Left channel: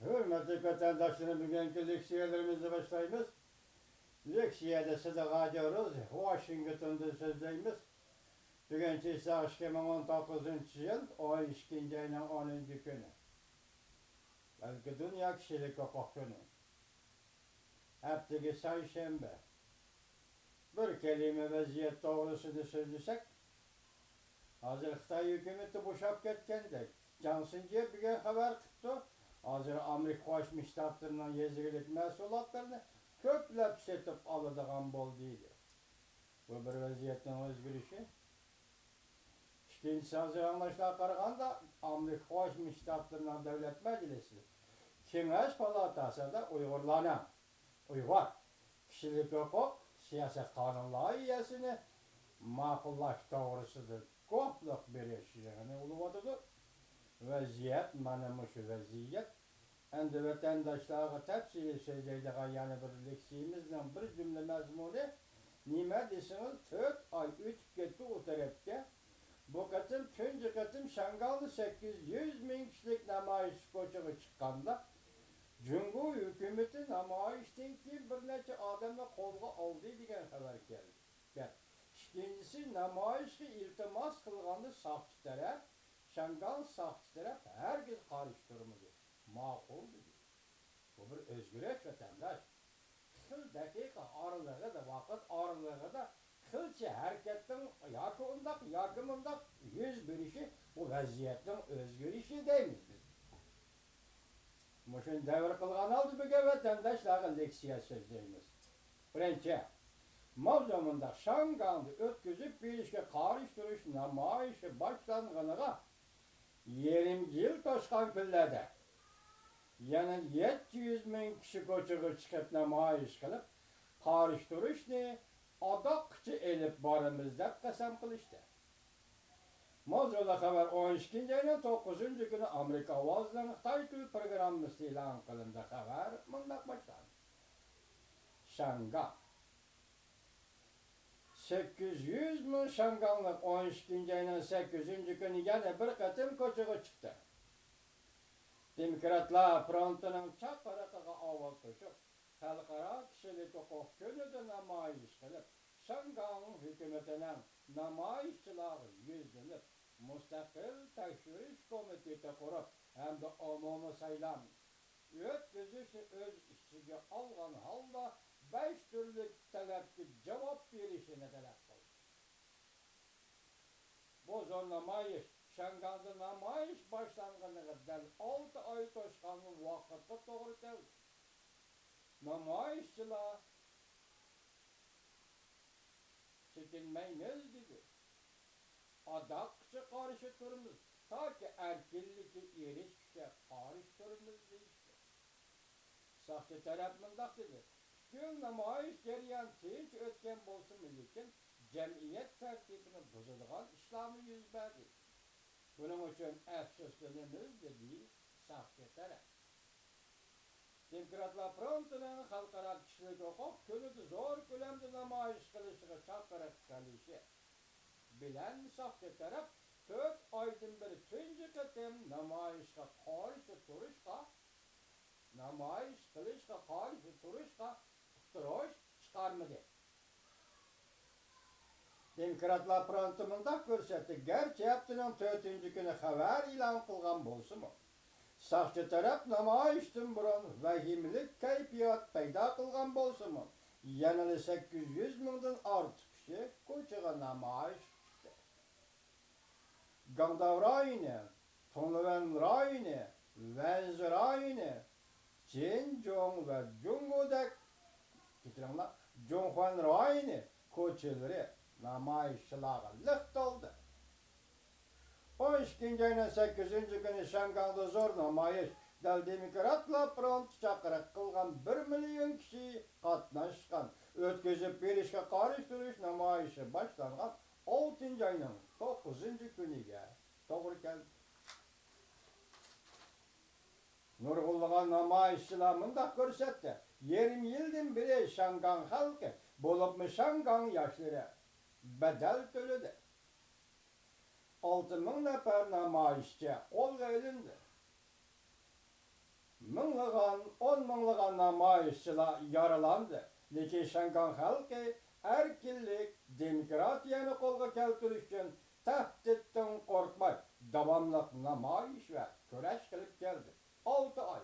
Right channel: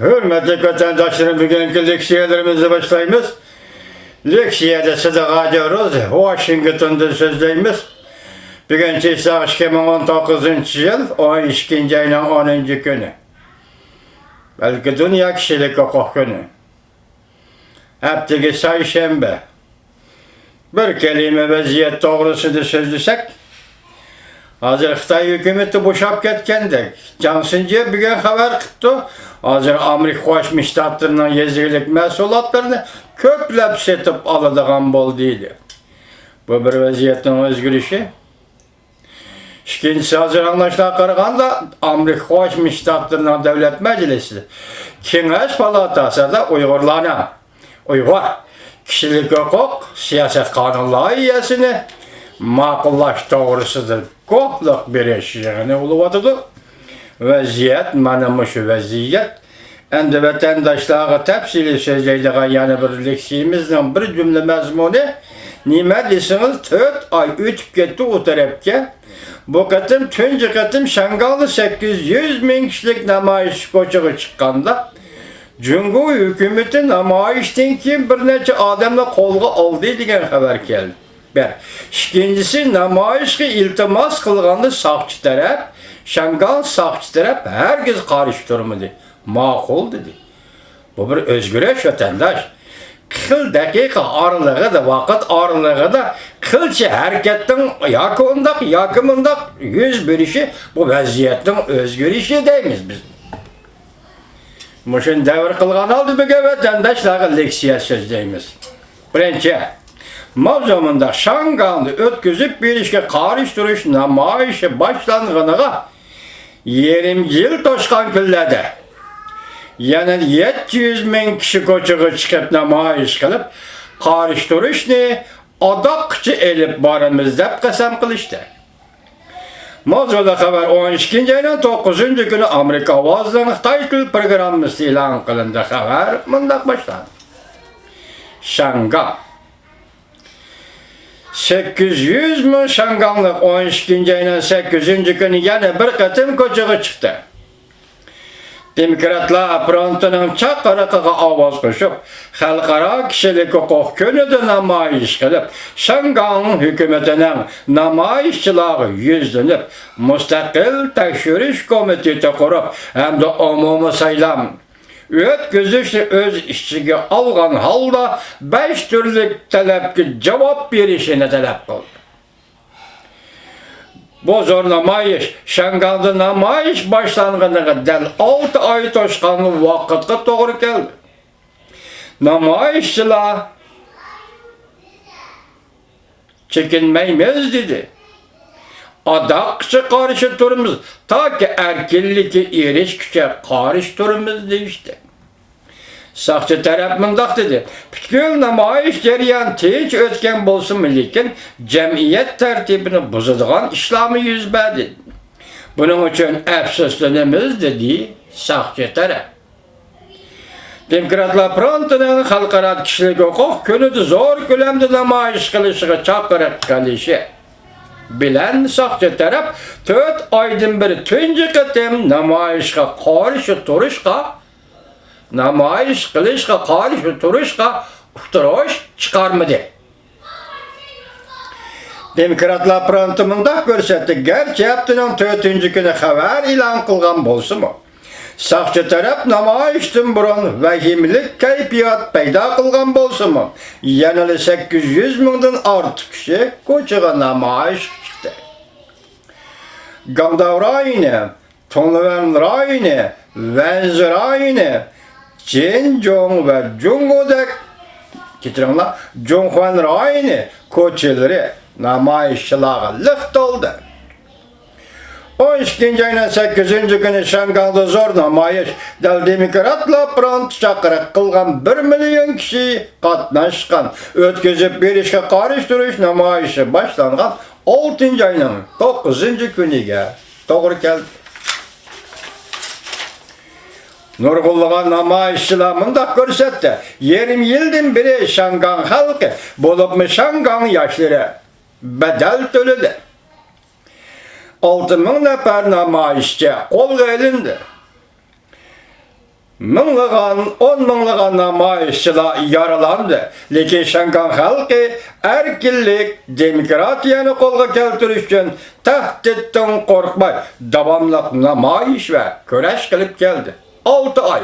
Hürmetli vatandaşlarım, bugünkü leksiyelerimizi başlayımız. Leksiyede sıdığa ediyoruz. Washington'da sözleyimiz. Bugünkü ise 2019 yıl 12. ayının 10. günü. Belki Dünya Kişilik Hukuk Günü. Haftaki Sayşembe. Bir kelime vaziyet doğrusunu sözlesek, hazır Xitay hükümeti boşap ketkendik. Cansınca bugün haber kıttı. Hazır Amerika Qo'shma Shtatlarının yezilik mahsulotlarini ko'plab setib oladigan bo'ldiydi. Bu bir vaziyatning o'zgarishi. İkincisi, hazır anlaşılan qaraganda Amerika Qo'shma Shtatlarının Davlat Majlisi Kengash palatasida Uyg'ur kishilik huquq siyosat qonun loyihasini ma'qullash to'g'risida ko'plik berish yig'ini bo'lib o'tdi. Vaziyat mana shu vaziyat. Endi vatandaşlarga tafsili so'zlaydigan yana bir leksiyamizning bir jumla mazmuni nima desangiz 4 oy o'tib ketdi u tarafga. Bu qatim tunji qatim Shangalda 800 ming kishilik namoyish ko'chaga chiqqanda Jungo hukumati namoyishdan keyin bir necha odamni qo'lga oldi degan xabar keldi. Bir. İkincisi, namoyishga iltimos qilganda soqchi taraf, Shangal soqchi taraf herkes qarshi turmadi. Ma'qul dedi. Bu bir o'zgarish vatandash. 40 daqiqa oralig'ida, vaqt oralig'ida qilchi harakatning yoki mundaq yuz berishi bu vaziyatning o'zgarishi deymiz biz. Muşun davr qilgan oldi bugun vatandaşlarga leksiya so'zlaymiz. Birinchi, mavzumunda Shangalni o'tkazib berishga qarshi turish namoyishi boshlanganiga 20 yil to'shqan kunlarda yana 700 ming kishi ko'chaga chiqib namoyish qilib, qarshi turishni adoqchi elib boramiz deb qasam qilishdi. Mavzuda xabar 12 ayning 9 kuni Amerika ovozining Xitoy til programmasi e'lon qilindi. Xabar mundaq boshlandi. Shangal 800 ming Shangallik 12 ayning 8 kuni yana bir qatim ko'chaga chiqdi. Demokratlar frontining chaqiriqiga ovoz qo'shib, xalqaro kishilik huquq kunida namoyish qilib, Shangal hukumatining namoyishchilari yuzlanib, mustaqil tekshirish komiteti qurib, hamda umumiy saylam o'tkazishni o'z ichiga olgan holda 5 turli talabga javob berishini talab qildi. Bu zo'r namoyish Shangalda namoyish boshlanganiga dal 6 oy to'shqan vaqtga to'g'ri keldi. Namoyishchilar chekinmaymiz dedi. Adoqchi qarshi turimiz, toki erkinlikka erishguncha qarshi turimiz deyishdi. Soqchi taraf mundaq dedi. Butkul namoyish jarayoni tinch o'tgan bo'lsin, lekin jamiyat tartibini buzadigan ishlarni yuz berdi. Buning uchun afsuslanamiz dedi soqchi taraf. Demokratlar frontining xalqaro kishilik huquq kunida zo'r ko'lamda namoyish qilishiga chaqiriq qilishi bilan soqchi taraf 4 oydan beri tunji qatim namoyishga qarshi turishga uqtirish chiqarmadi. Demokratlar fronti mundaq ko'rsatdi. Garchi haftaning 4-kuni xabar e'lon qilgan bo'lsa-mu, soqchi taraf namoyishdan burun vahimlik kayfiyat paydo qilgan bo'lsa-mu, yana 800 mingdan ortiq kishi ko'chaga namoyish chiqdi. Gangdao rayoni, Tongluan rayoni, Wanzi rayoni, Jinjong va Jungodek Jonghwan rayoni ko'chalari namoyishchilarga liq to'ldi. 12 ayning 8 kuni Shangalda zo'r namoyish demokratlar fronti chaqiriq qilgan 1 million kishi qatnashgan o'tkazib berishga qarshi turish namoyishi boshlangan 6 ayning 9 kuniga to'g'ri keldi. Nurg'unlagan namoyishchilar mundaq ko'rsatdi. 20 yildan beri Shangal xalqi, bo'libmi Shangal yoshlari badal to'ladi. 6 ming nafar namoyishchi qo'lga olindi. on mınlıgan namayışçılar yaralandı. Lekin Şangan halkı erkinlik, demokratiyani kolga keltiriş üçün tehditten korkmay, davamlıq namayış ve köreş kılıp geldi. 6 ay.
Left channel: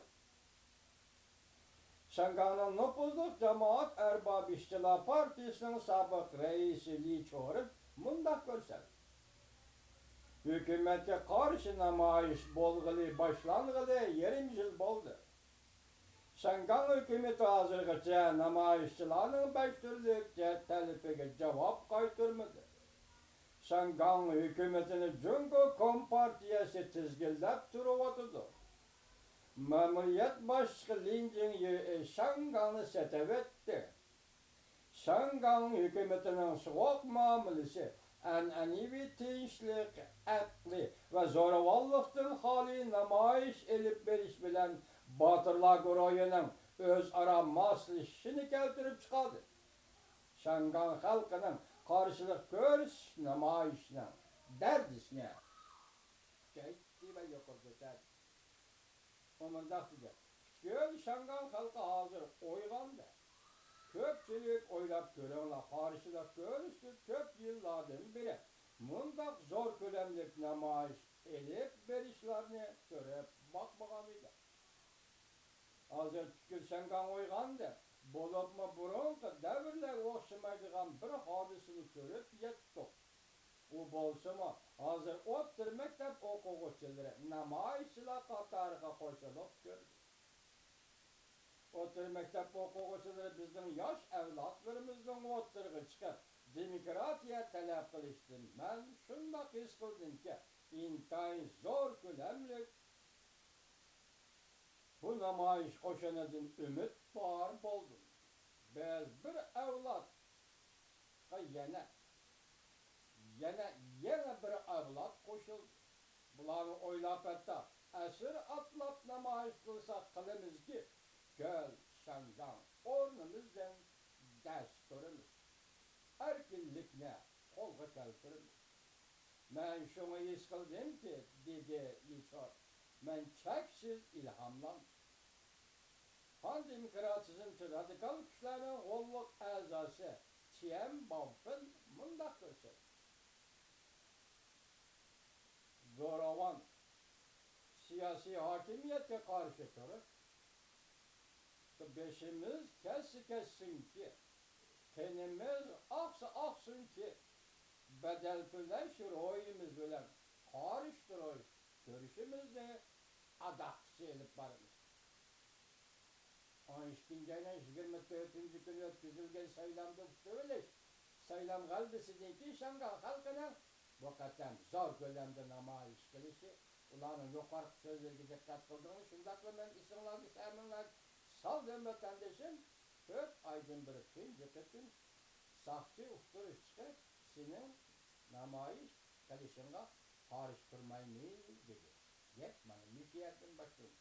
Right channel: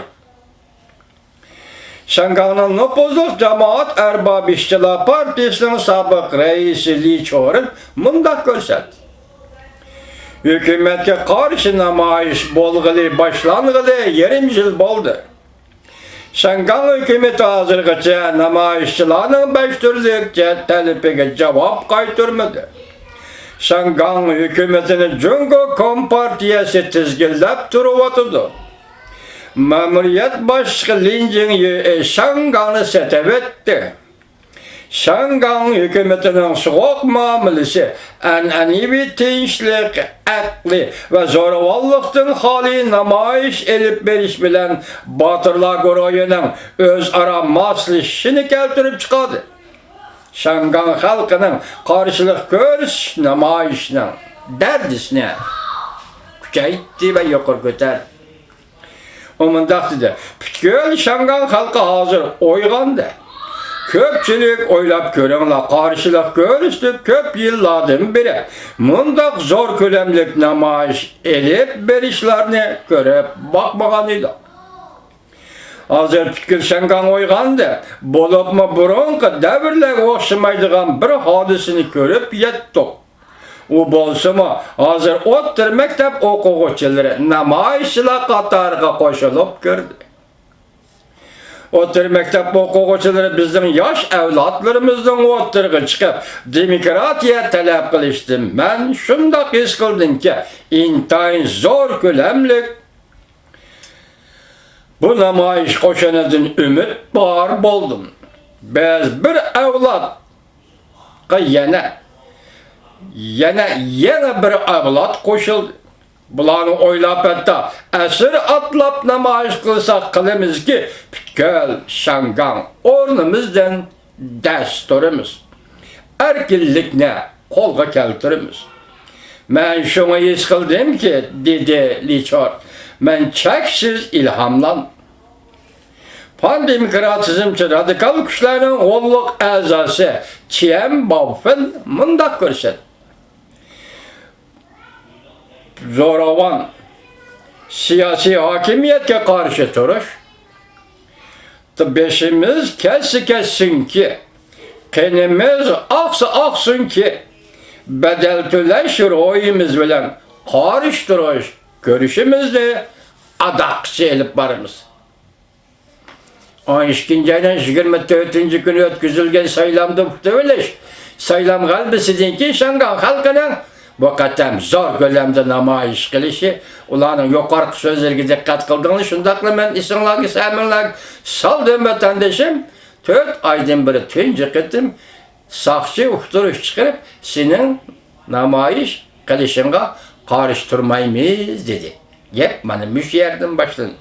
Şangan'ın nüfuzluq Cemaat Erbab İşçiler Partisi'nin sabık reisi Li Chor'un mundaq gösterdi. Hükümetke karşı namayış bolğılı başlanğılı 20 yıl boldu. Şangan hükümeti hazırgıça namayışçılarının 5 türlük talipine cevap kaytırmadı. Şangan hükümetini Cungo Kompartiyası tizgillep turuvatıdı. Memuriyet başkanı Lin Jingyi Şangan'ı setevetti. Şangan hükümetinin soğuk muamelesi, annevi tinçlik, akli ve zoravallıktın hali namayış elip beriş bilen Batırlar Goroyu'nun özara maslişini keltirip çıkardı. Şangan halkının karşılık görüş namayışının derdisine küçeytti ve yukarı götürdü. Omundaq dedi, bütün Şangan halkı hazır oyğandı. Köpçülük oylap görünglar, karşılık görüştük köp yıllardan beri. Mundaq zor kölemlik namayış elip berişlerini görüp bakmagan idi. Hazır bütün Şangan oyğandı. Bolupma burunqı devirle oxşamaydigan bir hadisini görüp yettik. O bolsama hazır o'ttir mektep o'quvchileri namoyishchilar qatoriga qo'shilib kirdi. O'ttir mektep o'quvchilari bizning yosh avlodlarimizdan o'ttirga chiqib demokratiya talab qilishdi. Men shundoq his qildimki, intayin zo'r ko'lamlik bu namoyish qo'shinidan umid bor bo'ldim. Biz bir avlodga yana bir avlod qo'shildi. Bularni o'ylab etdi. Asr atlab namoyish qilsak qilamizki, butkul Şangan o'rnimizdan dasturimiz, erkinlikni qo'lga keltiramiz. Men shuni his qildimki, dedi Li Chor, men cheksiz ilhamlandim. Pan-demokratizmchi radikal kuchlarning qo'lliq a'zosi Chen Baofeng mundaq ko'rsatdi. Zo'ravon siyosiy hokimiyatga qarshi turish, beshimiz kessinki, qinimiz oqsinki, bedel to'lash ro'yimiz bilan qarshi turish ko'rishimizni adaqcha elib boramiz. 12 aydan 24 kuni o'tkazilgan saylamda o'tilish, saylam g'alabasidan keyin Şangan xalqining bu qatam zo'r ko'lamda namoyish qilishi, ularning yuqorqi so'zlariga diqqat qildinglar, shundaqla men esinglarga saminlar soldim vatandashim, 4 oydan beri tunji qitim soqchi uqtirish chiqarib, sening namoyish qilishingga qarshi turmaymiz dedi. Gap mana shu yerdan boshlandi.